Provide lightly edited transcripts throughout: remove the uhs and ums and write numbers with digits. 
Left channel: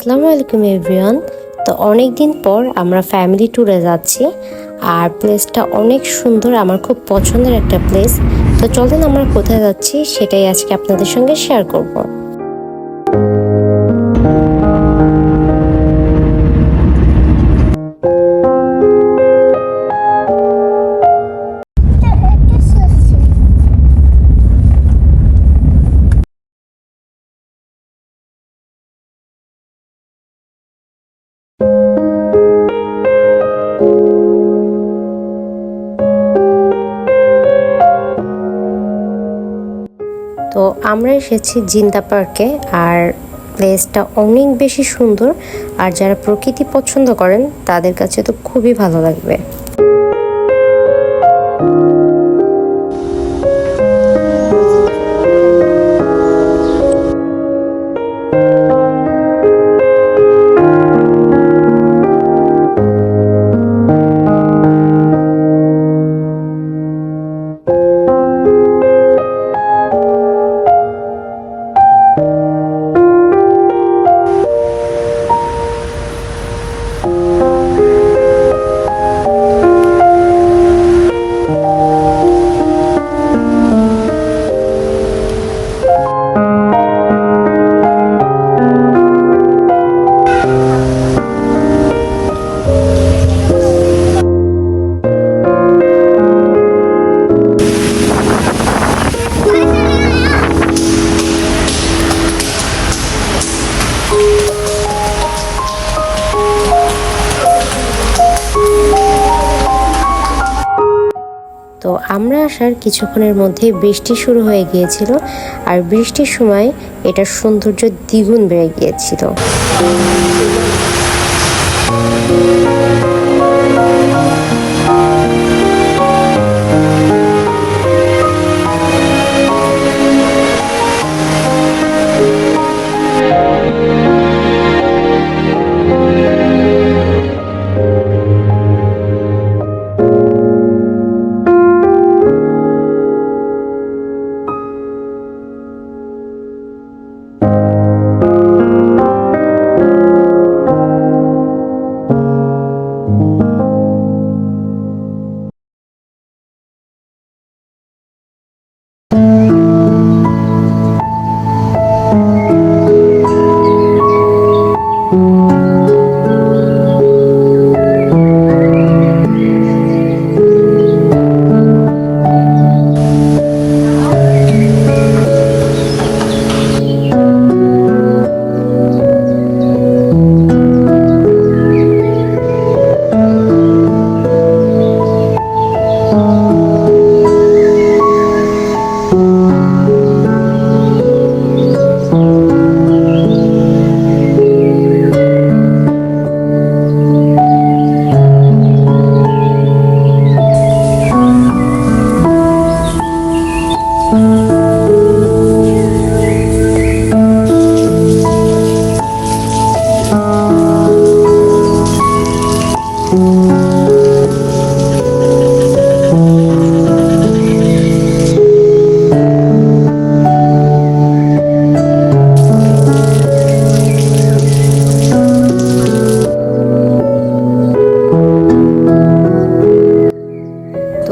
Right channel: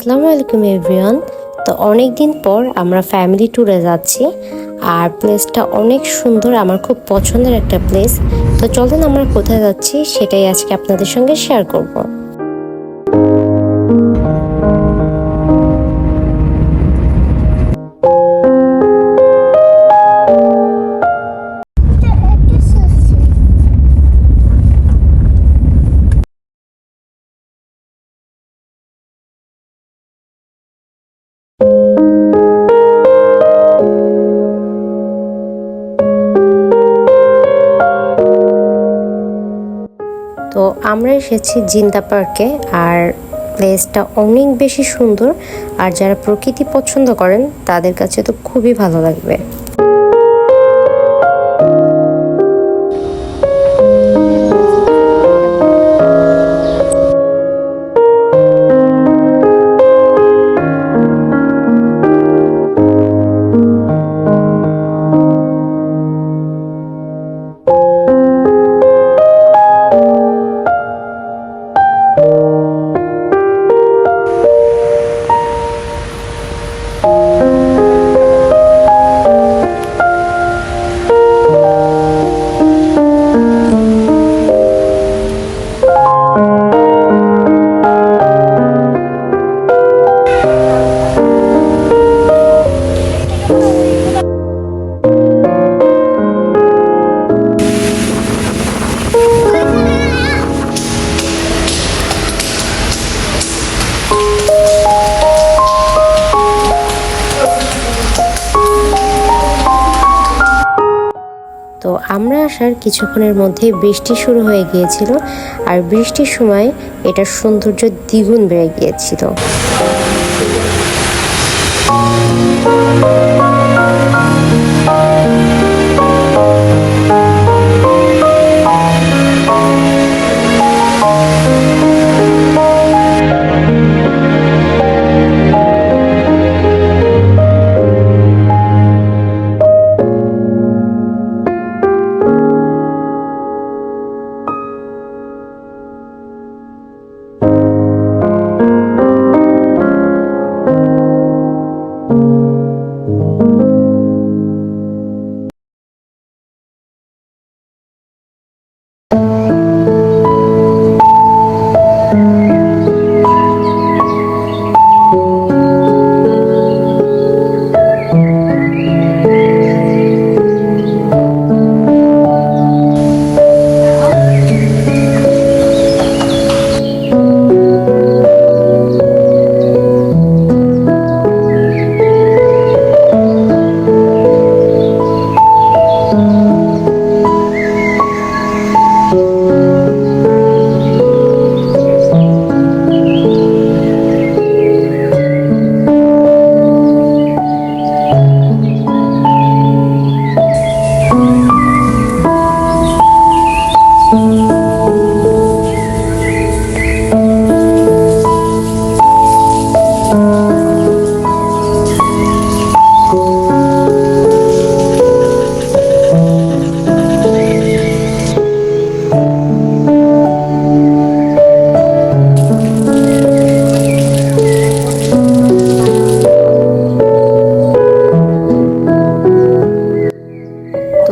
আসসালামু আলাইকুম এভরিওয়ান। তো অনেক দিন পর আমরা ফ্যামিলি ট্যুরে যাচ্ছি আর প্লেসটা অনেক সুন্দর, আমার খুব পছন্দের একটা প্লেস। তো চলেন আমরা কোথায় যাচ্ছি সেটাই আজকে আপনাদের সঙ্গে শেয়ার করব। তো আমরা এসেছি জিন্দা পার্কে, আর প্লেসটা অনেক বেশি সুন্দর, আর যারা প্রকৃতি পছন্দ করেন তাদের কাছে তো খুবই ভালো লাগবে। তো আমরা আসার কিছুক্ষণের মধ্যেই বৃষ্টি শুরু হয়ে গিয়েছিল, আর বৃষ্টির সময় এটার সৌন্দর্য দ্বিগুণ বেড়ে গিয়েছিল।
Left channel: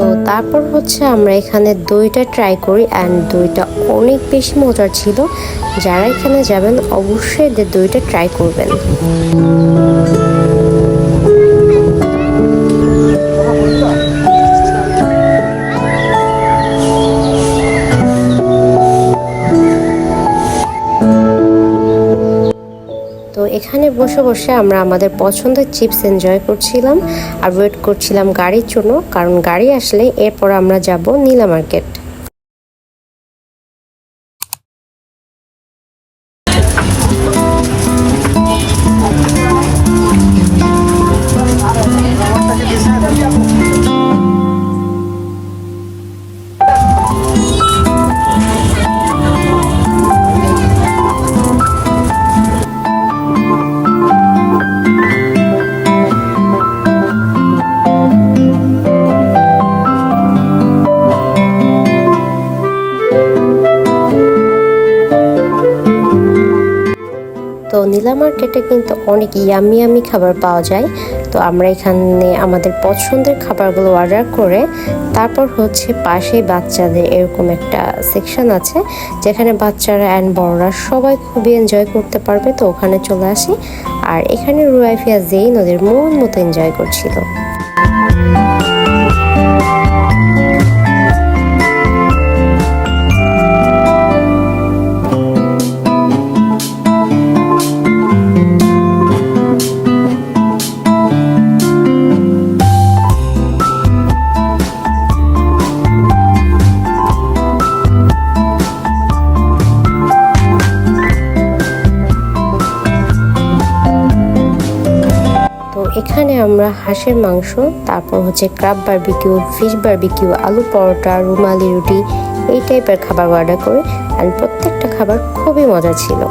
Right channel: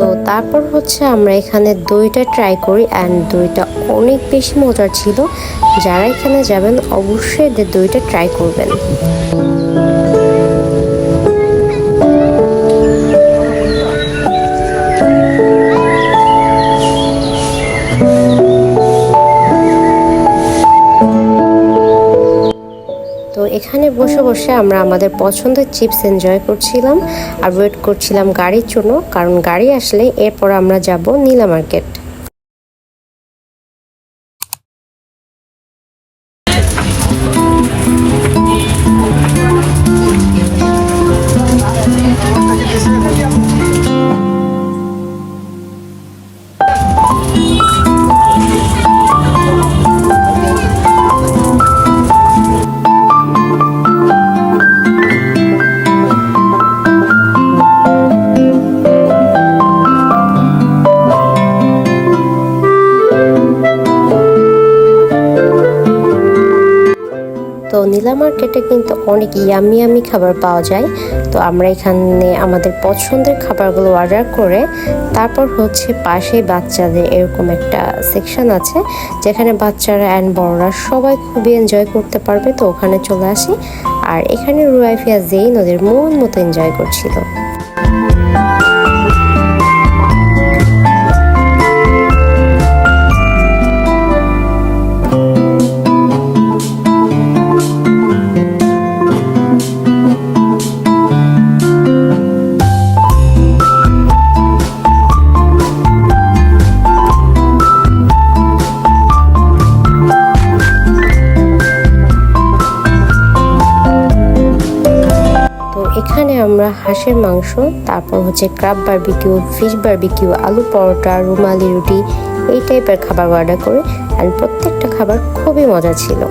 তো তারপর হচ্ছে আমরা এখানে দইটা ট্রাই করি, অ্যান্ড দইটা অনেক বেশি মজার ছিল। যারা এখানে যাবেন অবশ্যই এদের দইটা ট্রাই করবেন। তো এখানে বসে বসে আমরা আমাদের পছন্দের চিপস এনজয় করছিলাম আর ওয়েট করছিলাম গাড়ির জন্য, কারণ গাড়ি আসলে এরপর আমরা যাব নীলা মার্কেট। নীলা মার্কেটে কিন্তু অনেক ইয়ামি ইয়ামি খাবার পাওয়া যায়। তো আমরা এখানে আমাদের পছন্দের খাবারগুলো অর্ডার করে তারপর হচ্ছে পাশেই বাচ্চাদের এরকম একটা সেকশন আছে যেখানে বাচ্চারা অ্যান্ড বড়রা সবাই খুবই এনজয় করতে পারবে। তো ওখানে চলে আসি, আর এখানে রুয়াইফিয়া জেইন ওদের মন মতো এনজয় করছিল। এখানে আমরা হাঁসের মাংস, তারপর হচ্ছে ক্রাব বারবিকিউ, ফিশ বারবিকিউ, আলু পরোটা, রুমালি রুটি এই টাইপের খাবার অর্ডার করি। আর প্রত্যেকটা খাবার খুবই মজা ছিল।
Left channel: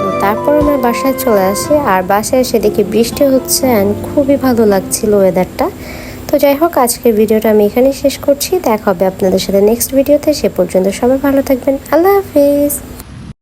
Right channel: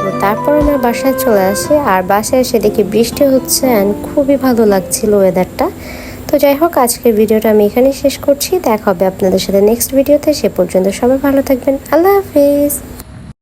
তো তারপর আমরা বাসায় চলে আসি, আর বাসায় এসে দেখি বৃষ্টি হচ্ছে অ্যান্ড খুবই ভালো লাগছিল ওয়েদারটা। তো যাই হোক, আজকের ভিডিওটা আমি এখানেই শেষ করছি। দেখা হবে আপনাদের সাথে নেক্সট ভিডিওতে। সে পর্যন্ত সবাই ভালো থাকবেন। আল্লাহ হাফিজ।